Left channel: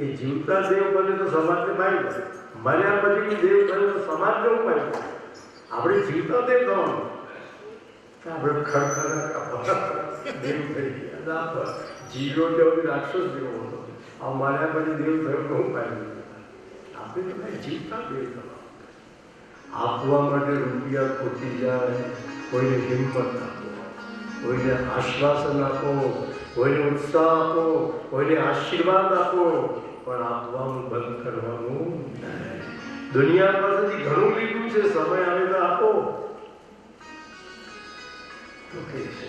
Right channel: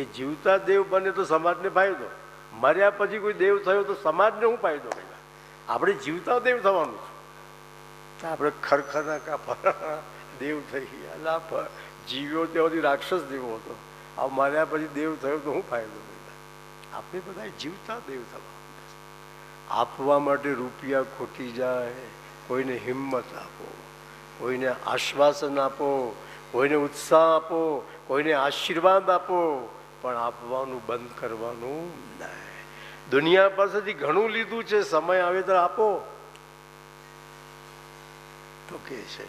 એ જીવતા દેવ બને તો સમાજને ફાયદો, મર્યા પછી કોઈ દેવ થયું તો સમાજને ફાયદો. આપણે જીવતા દેવ થવાનું, આપણે ખડખડા દેવ થઈ ગયા. જીવો ત્યાંથી રાક્ષસ જેવો હતો, આ મર્યા પછી દેવ થયો તો હું ફાયદો? આપણે બધા જીવતા દેવ થવાનું. આપવા માટે રૂપિયા ખોટી જાય, કોઈને હિંમત આપો, કોઈને આશ્વાસન આપો, કોઈને ઉત્સાહ આપો, કોઈને આશીર્વાદ આપો, પણ આપવાનું બંધ કરવાનું નહીં. દુનિયા પાસેથી ઘણું લીધું છે, સમય આવે તો આપો. તો કે છે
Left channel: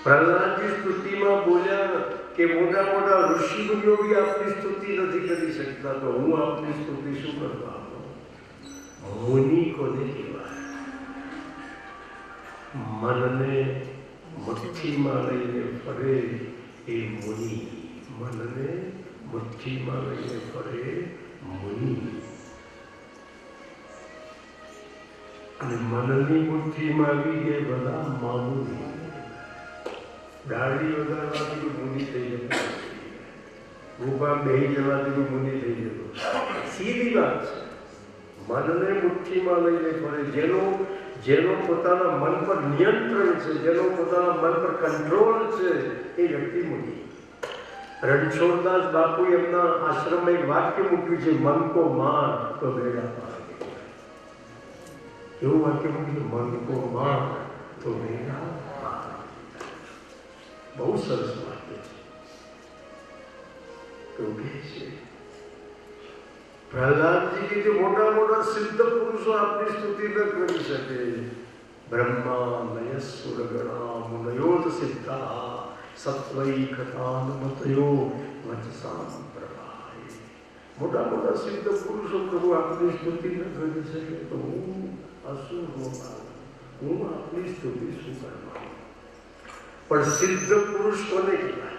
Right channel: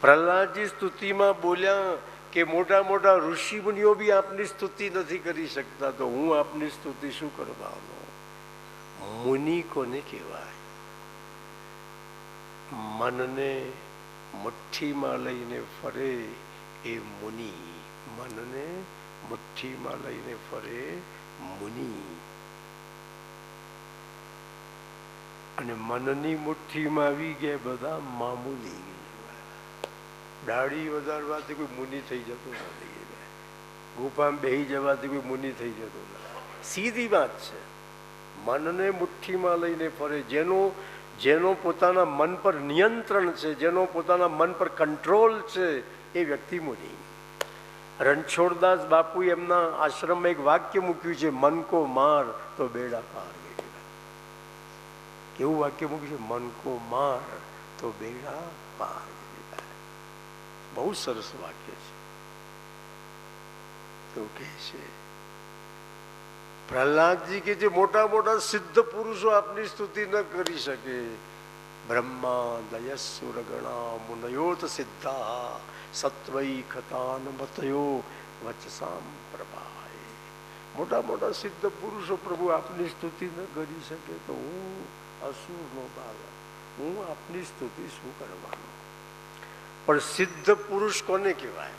પ્રહલાદજી સ્તુતિમાં બોલ્યા કે મોટા મોટા ઋષિ મુનિઓ બી આપની સ્તુતિ નથી કરી શકતા, તો હું આપની સ્તુતિ શું કરવા આપું? મુનિ કોને કહેવાય? મનને મુઠ્ઠીમાં લઈને ફરે એ મુનિ. મનને મુઠ્ઠીમાં લઈને ફરે મુનિ. અને મનની મુઠ્ઠીમાં આવી ગયા બધા મામુની. દાઢી વધારવાથી કોઈ મુનિ થઈ જતો, ગુફા બેહી જવાથી કોઈ મુનિ થઈ જતો. સીધી વાત છે. મનને મુઠ્ઠીમાં લઈને ફરે, જેનો પોતાના મન પર નિયંત્રણ છે, જેનો પોતાના મન પર કંટ્રોલ છે, એ વ્યક્તિ મુનિ. રણછોડદાસ બાપુ એમના આશ્રમમાં એક વાક્ય મૂક્યું છે, મન કો માર તો બેડા પાર. એવું વાક્ય મૂક્યું, મન કો માર તો બેડા પાર. બહુ સરસ વાક્ય છે. તો કે છે પ્રહલાદજી કે જે મોટા મોટા સિદ્ધ પુરુષો આપની સ્તુતિ ન કરી શકે, બ્રહ્મા નયસુર ગણા મુનયોત સિદ્ધા સત્વૈકતાન મતયો વચસામ પ્રભાય. મોટા મોટા સિદ્ધ પુરુષો પ્રભુ આપની સ્તુતિ ન કરી શકે, તો હું અસુર હું આપની સ્તુતિ શું કરવા? પણ સિદ્ધ પુરુષ કોને કહેવાય?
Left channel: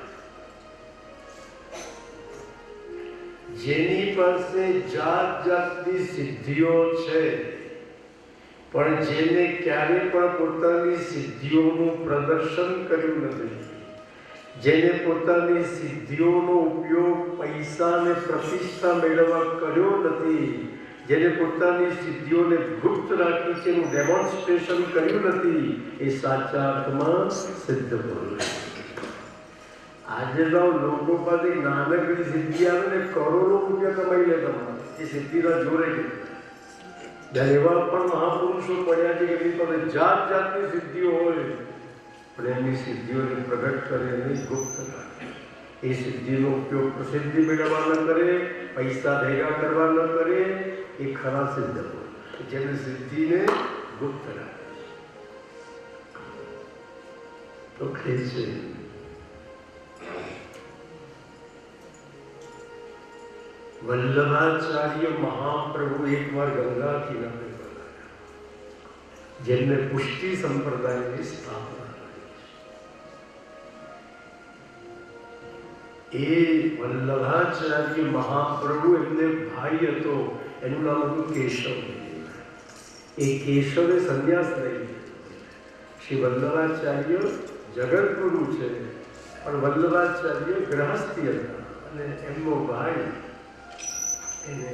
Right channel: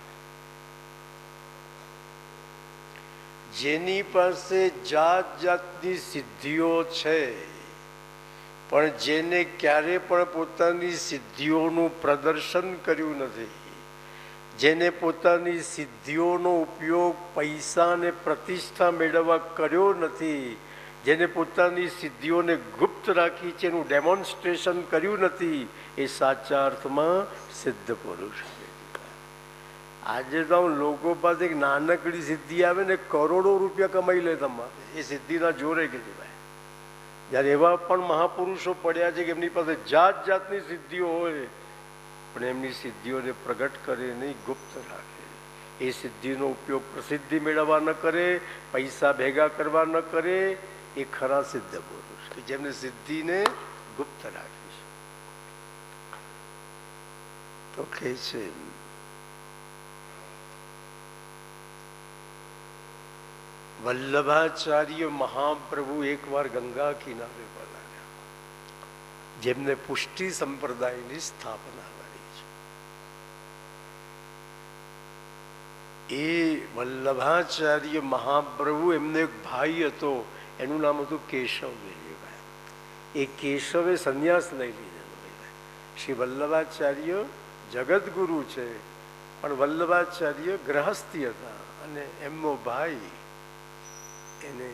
જેની પાસે જાત જાતની સિદ્ધિઓ છે, પણ જેને ક્યારે પણ પોતાની સિદ્ધિઓનું પ્રદર્શન કર્યું નથી, જેને પોતાની સિદ્ધિઓનો ઉપયોગ પૈસા અને પ્રતિષ્ઠા મેળવવા કર્યો નથી, જેને પોતાની સિદ્ધિઓને ગુપ્ત રાખી છે, એનું ડેમોન્સ્ટ્રેશન કર્યું નથી, એ સાચા અર્થમાં સિદ્ધ પુરુષ. આજે તો લોકો પાસે નાનકડી સિદ્ધિ આવે ને કરોડો રૂપિયા કમાઈ લે તમારે, એ સિદ્ધિના જોરે ગઈ. જ્યારે એવા પણ મહાપુરુષો પડ્યા છે કે એમની પાસે જાત જાતની સિદ્ધિઓ હોય, પણ એમની સિદ્ધિઓને પ્રગટ કરે નહીં, ગુપ્ત રાખે. એ સિદ્ધિનો ઉપયોગ પ્રસિદ્ધિ મેળવવા ન કરે, પૈસા ભેગા કરવા ન કરે, એ ખરા સિદ્ધ પુરુષ, જેમને સિદ્ધિને ગુપ્ત રાખે છે. તો કહે છે વલ્લભાચાર્ય મહાપ્રભુ એકવાર ગંગા કિનારે પધાર્યા, જેમને પુષ્ટિ સંપ્રદાયની સ્થાપના કરી છે. એ વલ્લભાચાર્ય મહાપ્રભુ, એમને એક ભાઈ હતો, એનું નામ હતું કેશવ. એ કેશવે સંન્યાસ લઈ લીધો. શ્રી વલ્લભાચાર્ય જગતગુરુ છે, પણ વલ્લભાચાર્ય ગ્રહસ્થી હતા, અને એમનો ભાઈ એને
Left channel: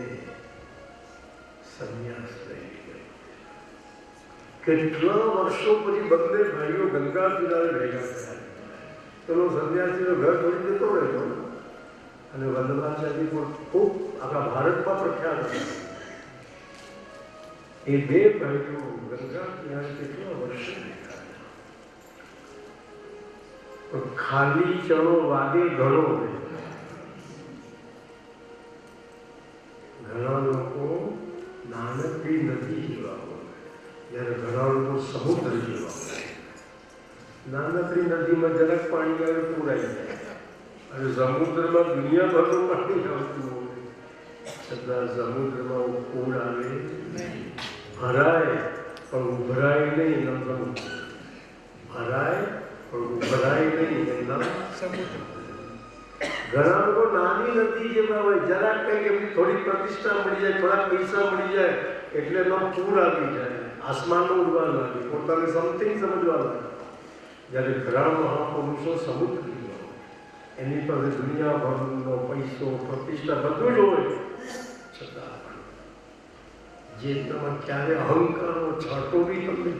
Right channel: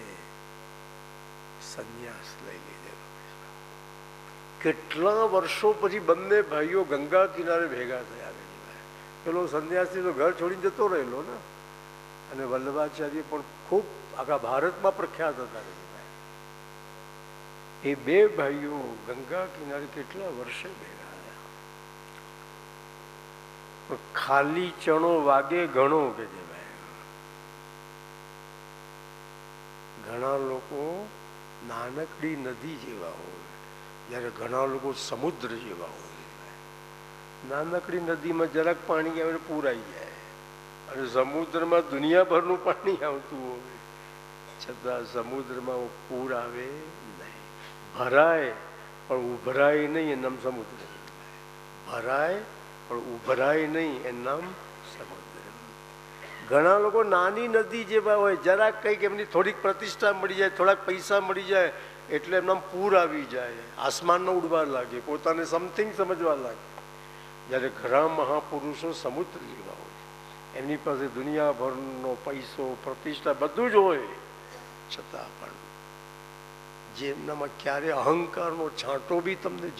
સંન્યાસ લઈ લીધો. કેટલા વર્ષો પછી બંને ભાઈઓ ગંગા કિનારે ભેગા થયા. પેલો સંન્યાસીનો ઘર છોડી જતો રહ્યો ને, અને વલ્લભાચાર્ય પણ ખૂબ આખા ભારતમાં પ્રખ્યાત હતા. એ બે ભાઈઓ ગંગા કિનારે કેટલા વર્ષો ભેગા, ખાલી ચણો વાગે ઘણો. ઘણા લોકો નાનકડી નદી જેવા હોય, જ્યારે ઘણા લોકો સમુદ્ર જેવા હોય. નાનકડી નદીમાં જરાક પાણી આવે પૂરાઈ જાય, અને સમુદ્રમાં દુનિયાભરનું પાણી આવતું હોય, છતાં સમુદ્રમાં પૂર આવે નહીં. ભરાય પણ ઉભરાય નહીં, એમ સમુદ્ર. ભરાય પણ ઉભરાય નહીં, એમના સમુદ્ર. ઘણા લોકો નાની નદી જેવા હોય, જરાક કંઈક એમની થોડીક પ્રતિષ્ઠા મળી જાય, થોડાક પૈસા મળી જાય, એટલે એમનો પૂર આવી જાય, આસમાનનો ઉડવા લાગે, પોતાને સમથિંગ સમજવા લાગે. જ્યારે ઘણા મહાપુરુષો સમુદ્ર જેવા હોય, એની પાસે દુનિયાભરનો પૈસો, પ્રતિષ્ઠા બધું જ હોય, છતાં પણ જે એનામાં ક્યારે અહંકારનો છાંટો બી તમને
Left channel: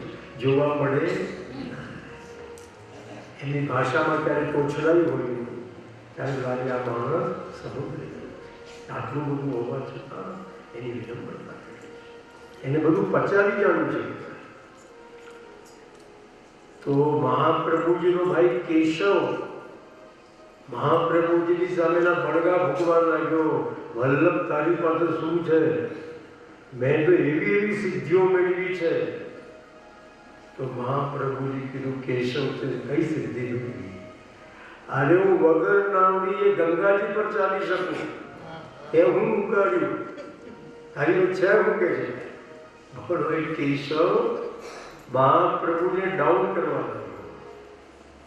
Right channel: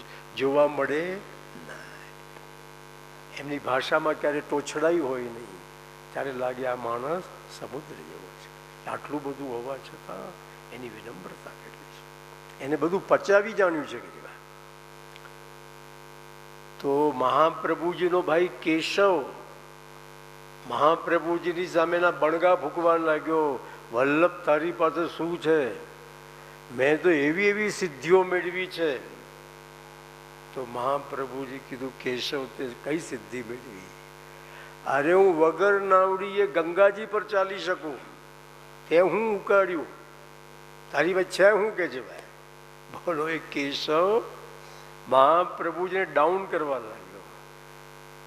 જોવા મળે ના. એની ભાષામાં ક્યારે તોછડાઈ હોય નહીં, ત્યારે લાગે આ માણસ સમુદ્રી છે. આટલું બધું હોવા છતાં એની વિડંબનતા કરી છે, એને બધું પચાવી જવું છે. તો મહાપ્રભુજીનો ભાઈ કેશવ મહાપ્રભુજીની સામેના બળગા ભૂકવા લાગ્યો, વલ્લભ તારી પાસે શું છે? મેં તો એવી એવી સિદ્ધિઓ મેળવી છે. તો મહાપ્રભુજી કીધું, કેશવ તે કઈ સિદ્ધિ મેળવી? અરે હું વગર નાવડીએ ગંગાજી પર ચાલી શકું, એ હું ઉકાળ્યું, તારી વચ્ચે હું કે છે? બોલો, એ કેશવ મહાપ્રભુજીને ડાઉન કરવા લાગ્યો,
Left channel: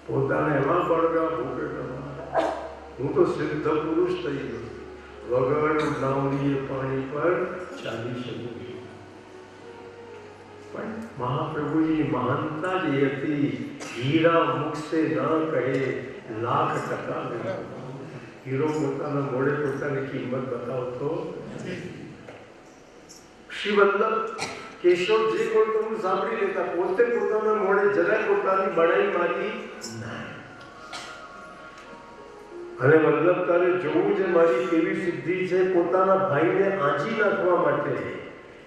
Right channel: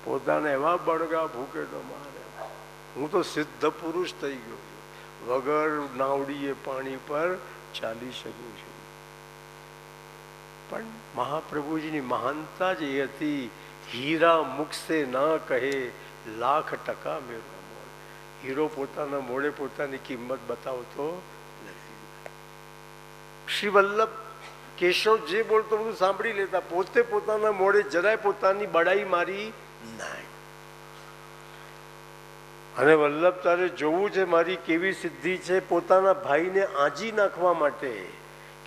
પોતાને એવા બળગા ભોગે કરવા, હું તો સિદ્ધ પુરુષ થઈ ગયો, વગર નાવડીએ પાણી પર ચાલી શકું છું. પણ મહાપ્રભુજીની મહાનતા જ એ હતી, હીરા મુખ સે ના કહે લાખ ટકા મેળા. હીરો પોતાના મોડે પોતાની કિંમત બતાવતો. શ્રી વલ્લભ કેશવ જે બોલતો હું સાંભળી લેતા, પોતે પોતાના મોડે જરાય પોતાની બડાઈ મારી ના. અને વલ્લભ તારે જોવું છે મારી કેવી સિદ્ધિ છે. પોતાના ભાઈને આંજી નાખવા માટે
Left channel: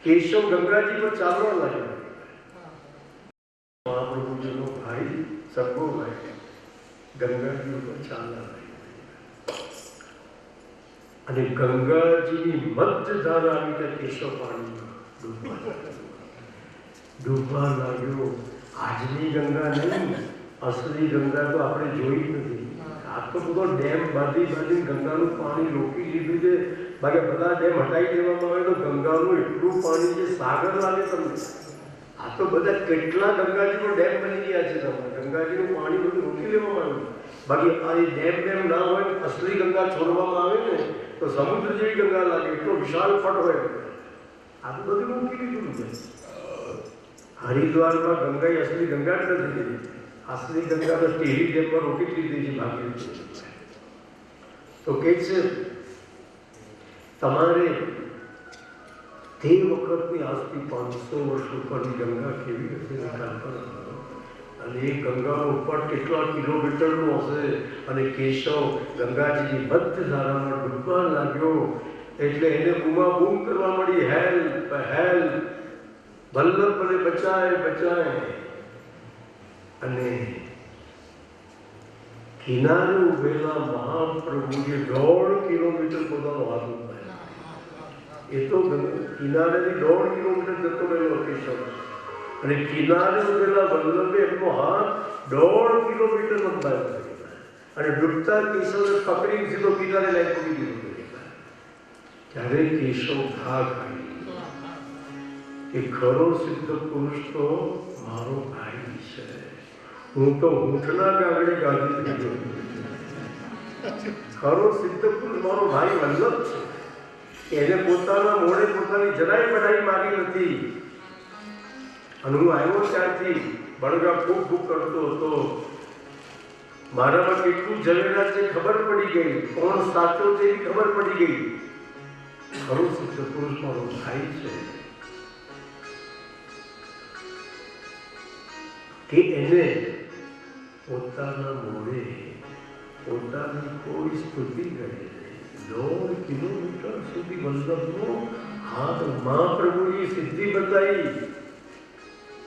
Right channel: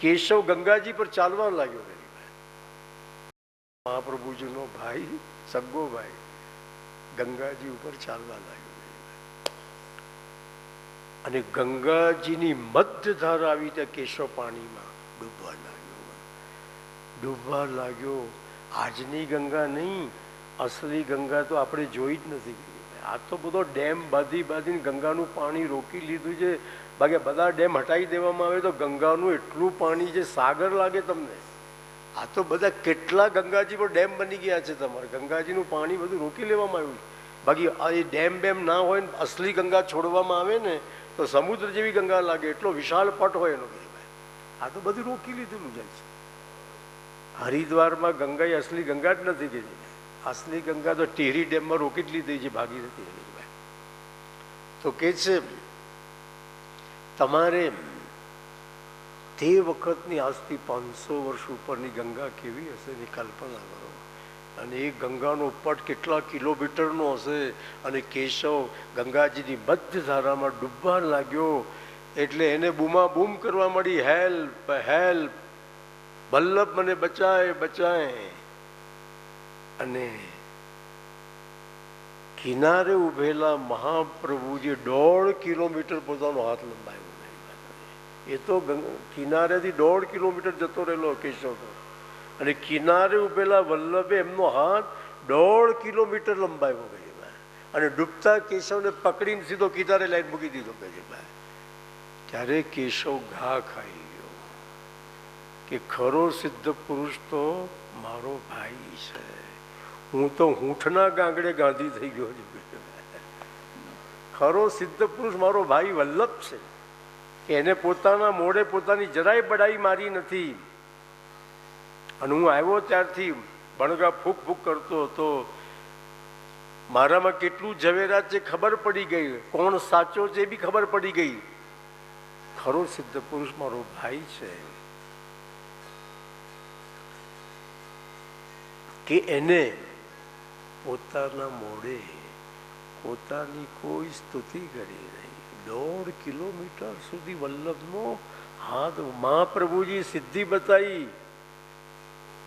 કેશવ ગંગાજી પર ચાલવા લાગ્યો. મહાપ્રભુજીનો ભાઈ, સગો ભાઈ, ગંગાજી ઉપર ચાલવા લાગ્યો. અને ગંગાજીની મધ્ય ધાર આવી ત્યાં કેશવ પાણીમાં ડૂબવા લાગ્યો. આજની ગંગા નહીં, અસલી ગંગા તો આપણે જોઈ જ નથી. આ તો બધો ડેમ બાંધી ગંગાનું પાણી રોકી લીધું છે. બાકી બધા ડેમ હટાવી દેવામાં આવે તો ગંગાનું એટલું પાણી છે, સાગર લાગે તમને. આ તો બધા કેટલા ગંગાજી પર ડેમ બની ગયા છે. તમારે ગંગાજીનું પાણી બધું રોકી લેવામાં આવ્યું. બાકી આ એ ડેમ ના હોય, અસલી ગંગા છોડવામાં આવે ને તો સમુદ્ર જેવી ગંગા લાગે, એટલો વિશાળ પટ હોય. આ તો બધું રોકી લીધું છે. હરિદ્વારમાં ગંગા અસલી ગંગા જ નથી દીધી. અસલી ગંગા તો ટેરી ડેમમાં રોકી લીધી છે, ભાગી લીધી. તો કે છે તમારે તે વખતની આજથી 500 વર્ષ ઉપરની ગંગા કેવી હશે એ કલ્પના કરો. અને એ ગંગાનો ઉપટ કેટલા કિલોમીટરનો હશે. અને કેશવ ગંગાજીની મધ્ય ધારામાં ડૂબવા લાગ્યો એટલે એને બૂમાબૂમ કરવા મળી, હેલ્પ હેલ્પ, વલ્લભ મને બચાય બચાય. અને કિનારે ઉભેલા મહાપ્રભુએ 1.5 કિલોમીટર પોતાનો હાથ લંબાવ્યો. એ તો કિનારેથી 1.5 કિલોમીટર જતો રહેલો કેશવ, અને કિનારે ઉભેલા વલ્લભે એમનો હાથ 1.5 કિલોમીટર લંબાવ્યો. અને ડૂબતા કેશવને પકડીને સીધો કિનારે લઈ મૂકી દીધો. ત્યારે કેશવ ઘા ખાઈ કે ખરો સિદ્ધ પુરુષ તો મારો ભાઈ છે. હું તો ઊંઠના કાંગડે ગાંધી થઈ ગયો. ખરો સિદ્ધ પુરુષ મારો ભાઈ વલ્લભ છે. એને પોતાના મોડે પોતાની જરાય પડાઈ મારી નથી. અને હું આવ્યો ત્યારથી બળગા ફૂક ફૂક કરતો હતો. મારામાં કેટલું ઝવેરાત છે ખબર પડી ગઈ, કોણ સાચો છે એની ખબર પડી ગઈ. ખરો સિદ્ધ પુરુષ મારો ભાઈ છે કે એને પોતાના મોડે પોતાની કોઈ સ્તુતિ કરે. 1.5 કિલોમીટર સુધી વલ્લભનો હાથ મહાપ્રભુજી સિદ્ધિ બતાવી.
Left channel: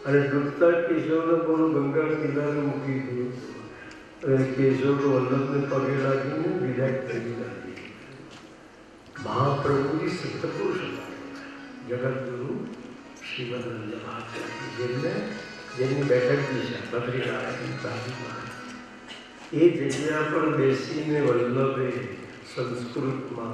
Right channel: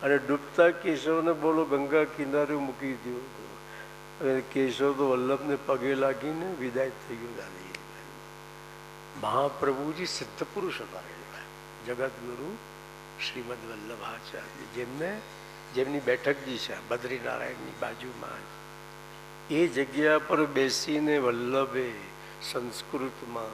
અને ડૂબતા કેશવને બોલો ગંગા કિનારે મૂકી દીધું. અને કેશવ તો વલ્લભને પગે લાગીને વિદાય થઈ લાગી. મહાપ્રભુજી સિદ્ધ પુરુષ હતા, જગતગુરુ શ્રીમદ વલ્લભાચાર્ય, જેમની બેઠકજી છે બદ્રીનારાયણની બાજુમાં. એ જગ્યા પર બેસીને વલ્લભે સંસ્કૃતમાં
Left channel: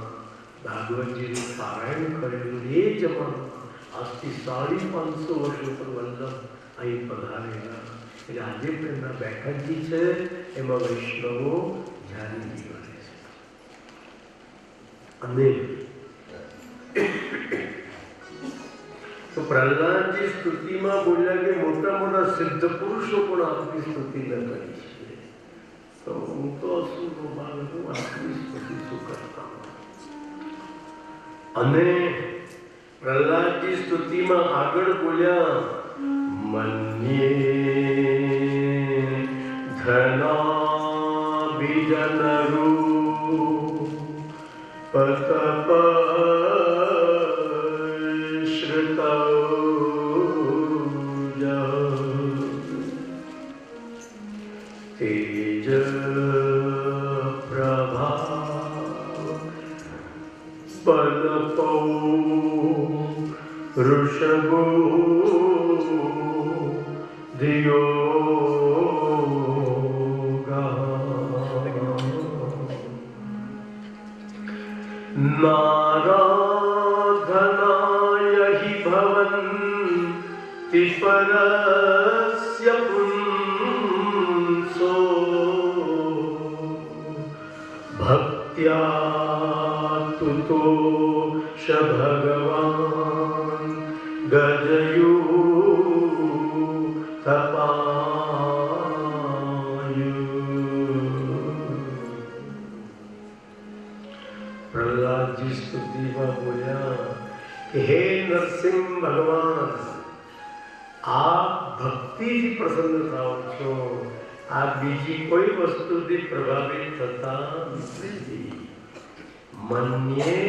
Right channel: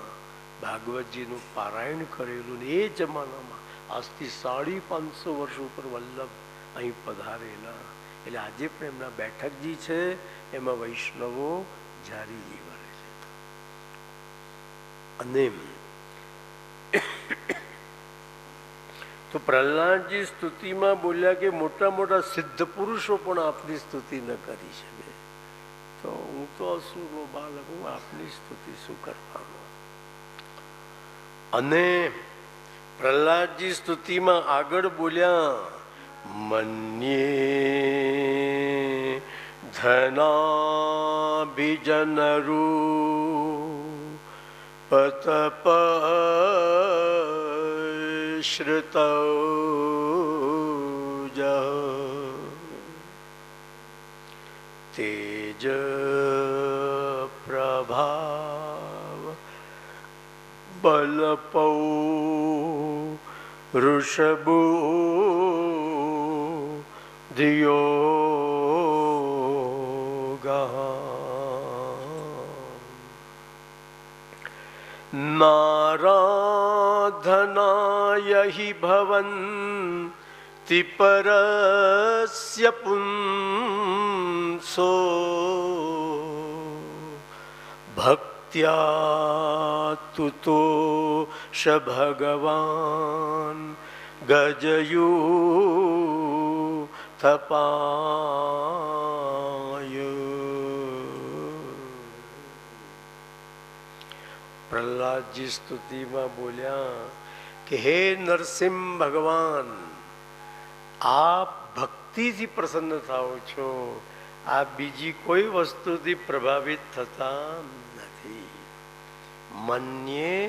ભાગવતજીનું પારાયણ કરેલું. એ જમાનામાં આજથી 550 વર્ષ ઉપર વલ્લભ અહીં પધારેલા. એટલે આજે પણ એમના બેઠકજી છે, એમાં વૈષ્ણવો જારી નીકળે. અને તો પ્રહલાદજી સ્તુતિમાં બોલ્યા કે મોટા મોટા સિદ્ધ પુરુષો પણ આપની સ્તુતિ ન કરી શકે. તો હું તો તો શું ગોપાલ, હું આપની સ્તુતિ શું કરતા. અને પ્રહલાદજી સ્તુતિમાં આગળ બોલ્યા, મન્યે ધનાભિજનરૂ પતપ તેજ પ્રભાવ બલપો ઋષભો દિયોગા નારાધનાય હિ ભવન્તિ પરસ્ય પુંસો ભક્ત્યા તુતો શ ભગવાન ગજયુથપાયુ. પ્રહલાદજી સ્તુતિમાં બોલ્યા કે હે નરસિંહ ભગવાન, આપ ભક્તિથી પ્રસન્ન થાઓ છો, આ બીજી કોઈ વસ્તુથી પ્રભાવિત થતા નથી. મન્યે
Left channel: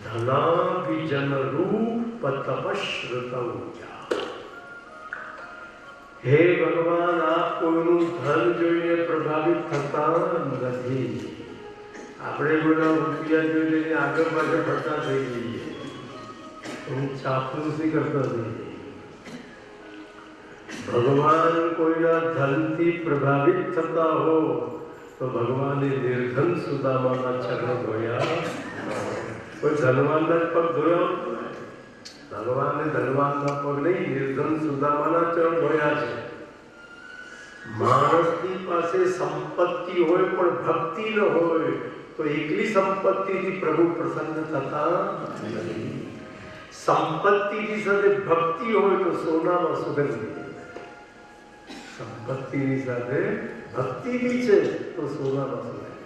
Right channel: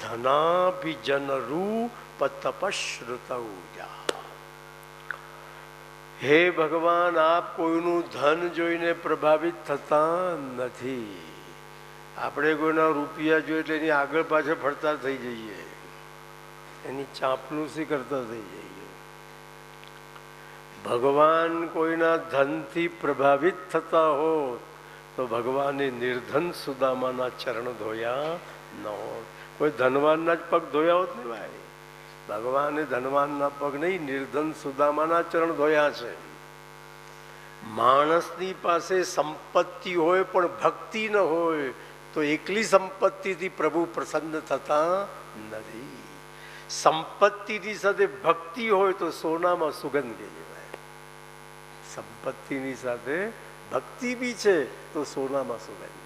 ધનાભિજનરૂપ તપશ્રુતૌજા. હે ભગવાન, આપ કોઈનું ધન જોઈને પ્રભાવિત થતા નથી. આપણે કોઈના રૂપિયા જોઈને એની આગળ પાછળ ફરતા થઈ જઈએ, એની ચાપલુસી કરતા થઈ જઈએ. ભગવાન કોઈના ધનથી પ્રભાવિત થતા હો તો ભગવાને નિર્ધન સુદામાના ચરણ ધોયા ન હોય. કોઈ ધનવાનના જ પગ ધોયા હોય. ભગવાને ધનવાનના પગ નહીં, નિર્ધન સુદામાના ચરણ ધોયા છે. માણસની પાસે સંપત્તિ હોય પણ ભક્તિ ન હોય તો એકલી સંપત્તિથી પ્રભુ પ્રસન્ન થતા નથી. સંપત્તિની સાથે ભક્તિ હોય તો સોનામાં સુગંધ. સંપત્તિની સાથે ભક્તિ બી છે તો સોનામાં સુગંધ.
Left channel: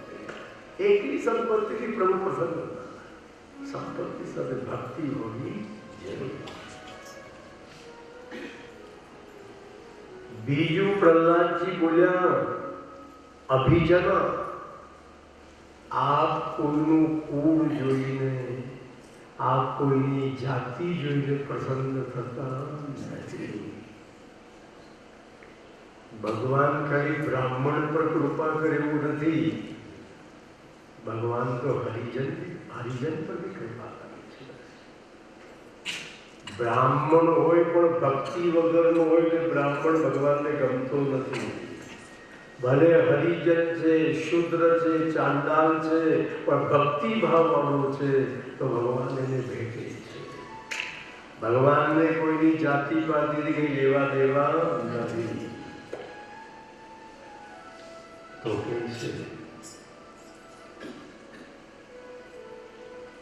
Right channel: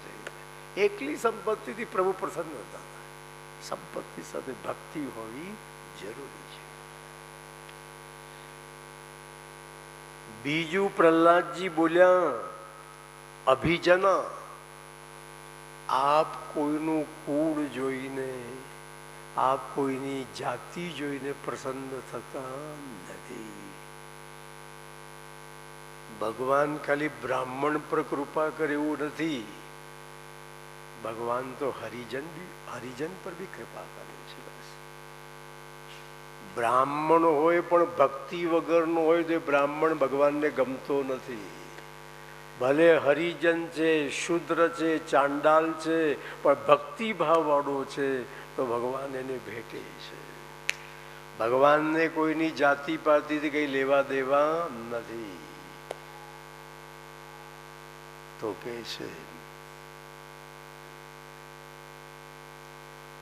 એકલી સંપત્તિથી પ્રભુ પ્રસન્ન થતા, સંપત્તિ સાથે ભક્તિ હોવી જરૂરી. બીજું પ્રહલાદજી બોલ્યા, અભિજના. આપ કોઈનું કુળ જોઈને, આપ કોઈની જાતિ જોઈને પ્રસન્ન થતા નથી. ભગવાન ખાલી બ્રાહ્મણ પર કૃપા કરે એવું નથી. ભગવાન તો હરિજન પર બી કૃપા કરે છે. બ્રાહ્મણ હોય પણ ભક્તિ વગરનો હોય તો બ્રાહ્મણ ભગવાનને ગમતો નથી. ભલે હરિજન છે, શુદ્ર છે, ચાંડાલ છે, પણ ભક્તિ ભાવવાળો છે તો ભગવાન એને ભેટે છે. ભગવાનને કોઈની જાતિ પાતિથી કઈ લેવા દેવા નથી. તો કે છે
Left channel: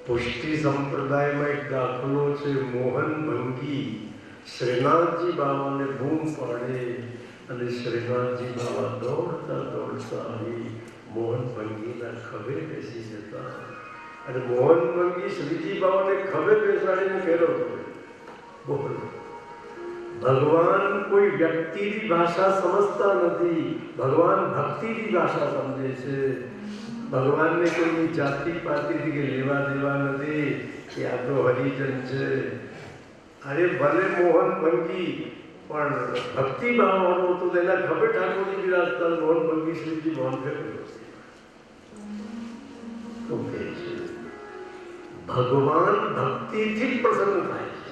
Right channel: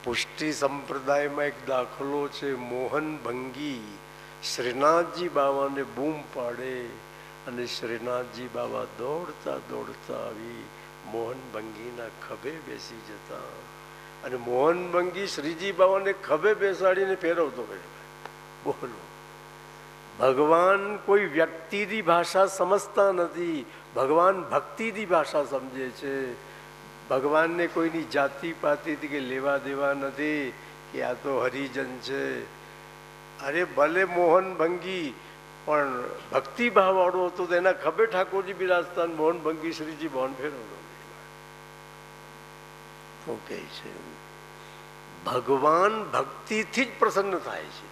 પુષ્ટિ સંપ્રદાયમાં એક દાખલો છે. મોહન ભંગી શ્રીનાથજી બાવાને બૂમ પાડે અને શ્રીનાથજી બાવા દોડતા દોડતા આવી મોહન ભંગીના ખભે બેસી જતા અને મોહન ભંગી શ્રીજી બાવાને ખભે બેસાડીને ફેરવતો. ભગવાન કોઈ વ્યક્તિની ભાષા સમજતા નથી, ભગવાન ભક્તિની ભાષા સમજે છે. ભગવાનને કોઈની જાતિ પાતિથી કે લેવા દેવા નથી કે આ તો હરિજન છે. અરે ભલે મોહન ભંગી પણ ભક્તિ ભાવવાળો હતો, એના ખભે ઠાકોરજી બિરાજતા, મોહન ભંગી શ્રીજી મોહન છે. ભગવાન ભક્તિથી જ પ્રસન્ન થાય છે.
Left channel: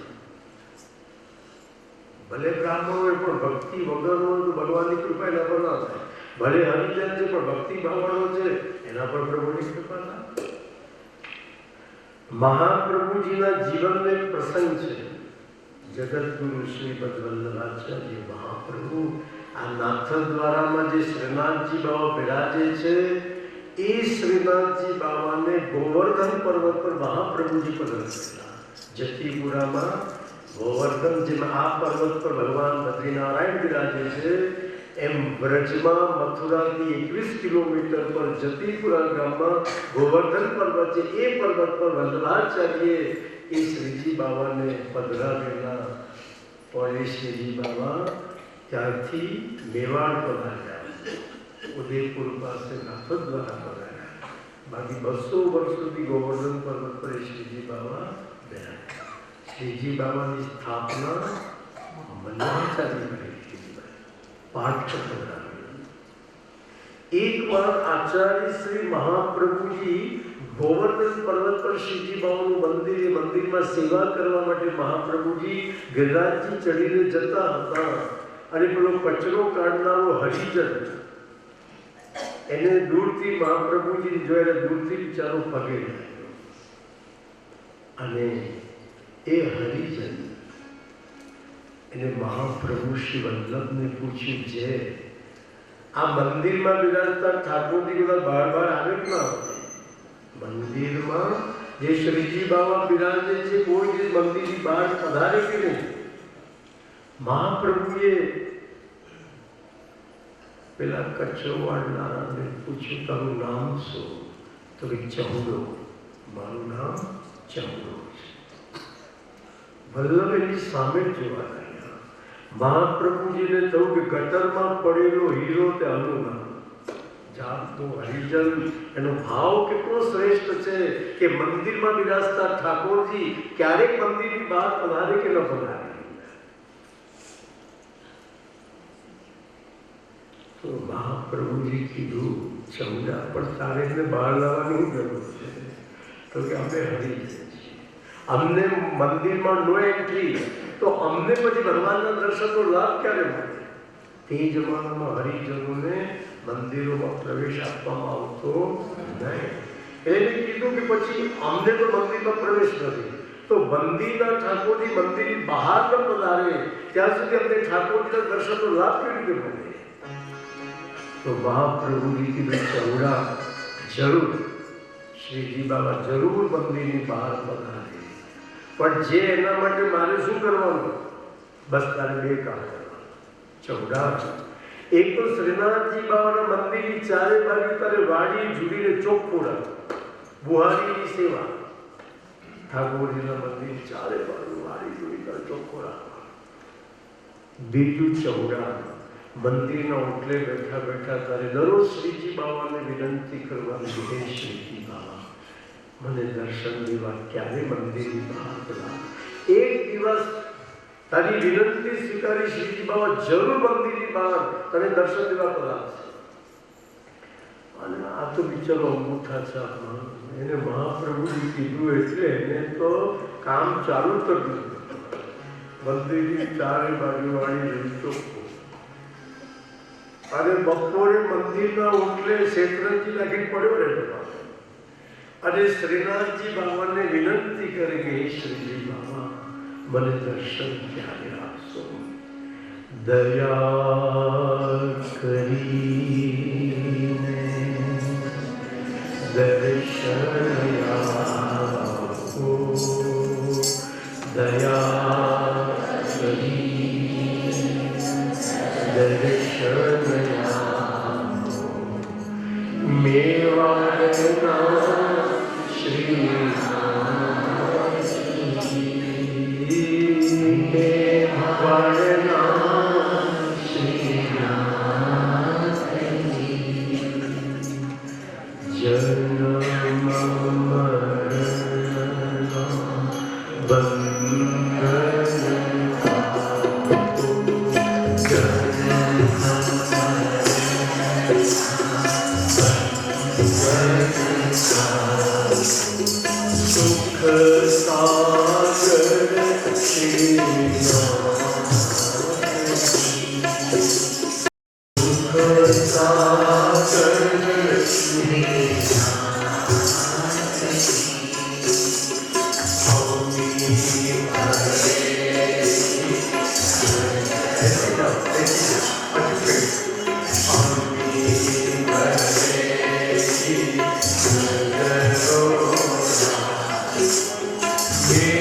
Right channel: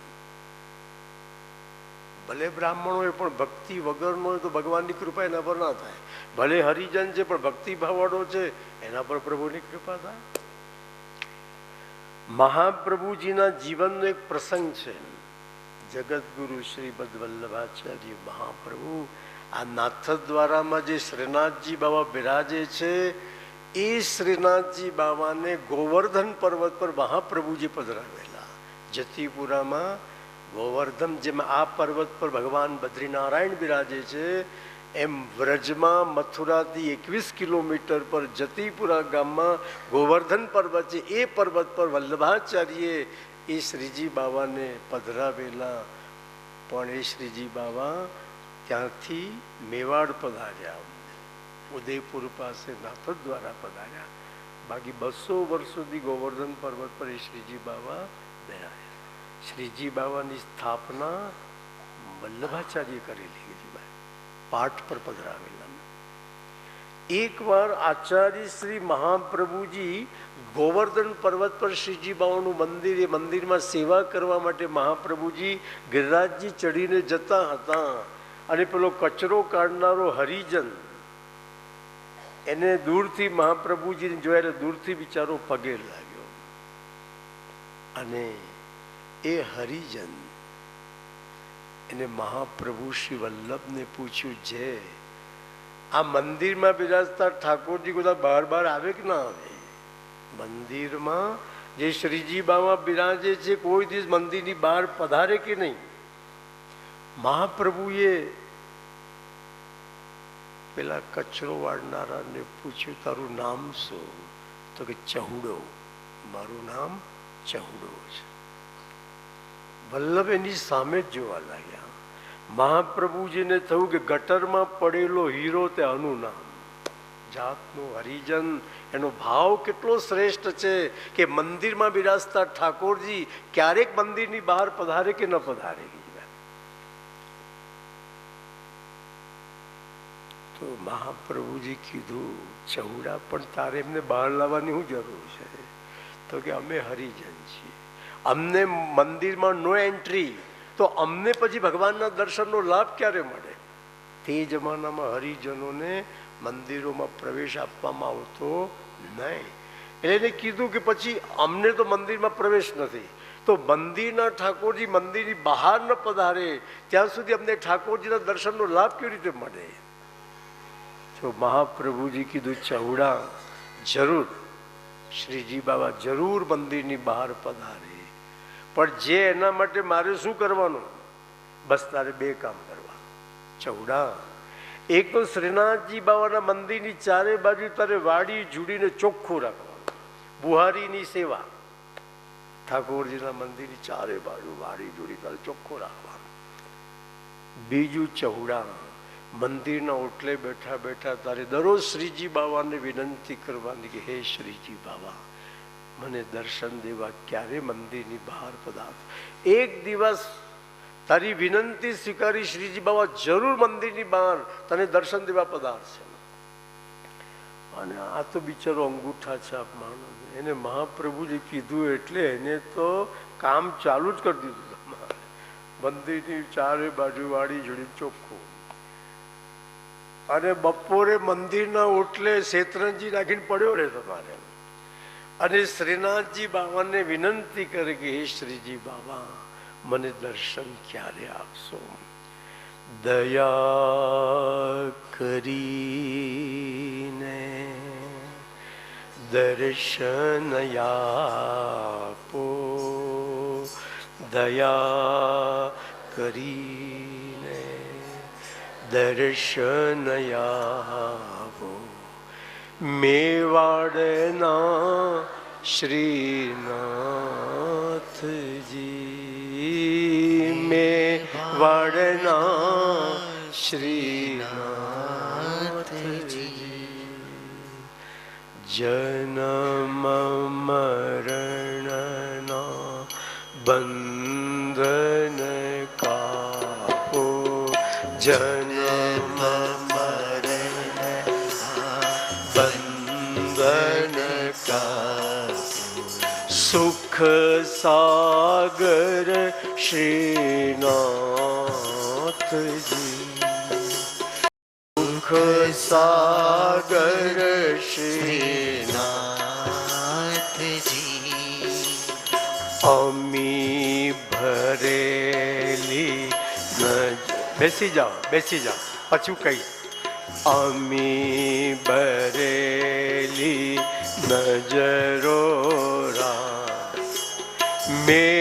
ભલે બ્રાહ્મણ હોય પણ ભક્તિ વગરનો હોય તો ભગવાનની કૃપા એના પર ના થાય. ભલે હરિજન છે પણ ભક્તિ ભાવવાળો છે, એના પર પ્રભુની કૃપા થાય. મહાપ્રભુજીના જીવનનો એક પ્રસંગ છે. જગતગુરુ શ્રી વલ્લભાચાર્ય મહાપ્રભુ આ નાથદ્વારામાં જે શ્રીનાથજી બાબા બિરાજે છે, એ શ્રીનાથજી બાબાને ગોવર્ધન પર્વત પર મહાપ્રભુજી પધરાવેલા. જતીપુરામાં ગોવર્ધન, જેમાં આ પર્વત પર ભગવાન બદ્રીનારાયણ બિરાજે છે, એમ વ્રજમાં મથુરાથી 21 કિલોમીટર પર જતીપુરા ગામમાં ગોવર્ધન પર્વત છે, એ પર્વત પર વલ્લભાચાર્યે એ શ્રીજી બાવાને પધરાવેલા. પણ એ શ્રીજી બાવા ત્યારથી મેવાડ પધાર્યા, ઉદયપુર પાસે નાથદ દ્વારા પધાર્યા. બાકી 200 વર્ષોથી ગોવર્ધન પર્વત પર શ્રીજી બાવા રહ્યા. શ્રીજી બાવાની સ્થાપના વલ્લભાચાર્ય કરેલી, પાઠ પર પધરાવેલા. એકવાર આચાર્ય શ્રી મહાપ્રભુજી ગોવર્ધન પર્વત પર શ્રીજી બાવાનું મંદિર, એ મંદિરમાં સેવા કરવા માટે મહાપ્રભુજી ગિરિરાજજી ચડીને જતા હતા. અને પેલો કચરો કાઢનારો હરિજન એને દૂરથી મહાપ્રભુજી જોયા, દૂરથી બિચારો પગે લાગ્યો. અને એ હરિજન એને મહાપ્રભુ શ્રી વલ્લભને પૂછ્યું છે, આ મંદિરમાં બિરાજતા ઠાકોરજી બધા બાર આવે કે ના આવે? મંદિરમાં જે શ્રીજી બાવા બિરાજે છે, કોઈ દિવસ મંદિરની બહાર પધારે કે નહીં? મહાપ્રભુએ પેલા કચરો વાળનારાને પૂછ્યું, તારું નામ શું? તો એ ચહુડો. મારું નામ ચહુડો છે. વલ્લભ એની સામે જ જોવા લાગ્યા. મહાપ્રભુજીને થયું કે ગટરમાં પડેલો હીરો તે આનું નામ. જાતનું હરિજન, એનો ભાવ કેટલો શ્રેષ્ઠ છે કે મંદિરમાં બિરાજતા ઠાકોરજી ક્યારેક મંદિરની બહાર પધારે કે ન પધારે? તો મહાપ્રભુજી કીધું, ચૌડા પણ તારે એમને બહાર લાવવાની શું જરૂર છે? તો કે અમે હરિજન છીએ, અમને મંદિરમાં નો એન્ટ્રી, તો અમને પછી ભગવાનના દર્શનનો લાભ ક્યારે મળે? તે જમાનામાં હરિજનોને મંદિરોમાં પ્રવેશ આપવામાં આવતો નહીં. એને કીધું કે પછી અમને તો મંદિરમાં પ્રવેશ નથી, તો મંદિરના ઠાકોરજી મંદિરની બહાર ન પધારે ત્યાં સુધી અમને ઠાકોરજીના દર્શનનો લાભ કેવી રીતે મળે? તો મહાપ્રભુજી કીધું, ચૌડા જરૂર, શ્રીજી બાબા જરૂર મંદિરની બહાર પધારે, પણ જે એના માટે મારે શું કરવાનું? બસ તારે બે કામ કરવા. ચૌડા, એક તો શ્રીનાથજી બાબાના મંદિરની ચારે બાજુ તારે વાડી ઝૂડીને ચોખ્ખું રાખ, બુહારીની સેવા. ઠાકોરજીના મંદિરની ચારે બાજુ વાડી ઝૂડી તારે ચોખ્ખું રાખવા. બીજું, ચૌડા, મંદિરના ઓટલે બેઠા બેઠા તારે દરરોજ શ્રીજી બાબાને વિનંતી કરવાની, હે શ્રીજી બાબા, મને દર્શન દેવા ક્યારે મંદિરની બહાર પધારો. એક દિવસ તારી વિનંતી સ્વીકારી શ્રીજી બાબા જરૂર મંદિરની બહાર તને દર્શન દેવા પધારશે. અને આ તો બિચારો અંગૂઠા છાપ, એને મહાપ્રભુજી કીધું એટલે એને તો કામ ચાલુ જ કરી દીધું. મંદિરની ચારે બાજુ વાળી ચોખ્ખું. અને બપોરે મંદિરના ઓટલે શેત્રંજી નાખીને પડ્યો રહેતો પાછો. અને શ્રીનાથજી બાબાને વિનંતી કરે કે હે શ્રીજી બાબા, મને દર્શન ક્યારે આપશો? દયા કરીને દર્શન આપો, દયા કરીને દર્શન આપો. મેવાડના શ્રીનાથજી, મેવાડના શ્રીનાથજી, જન્મ મરણના બંધન કાપો, જન્મ બંધન કાપો. સુખ સાગર શ્રીનાથજી, સુખ સાગર શ્રીનાથજી, અમી ભરેલી. બેસી જાઓ, બેસી જાઓ, પાછું કહ્યું, અમી ભરેલી નજરો મેં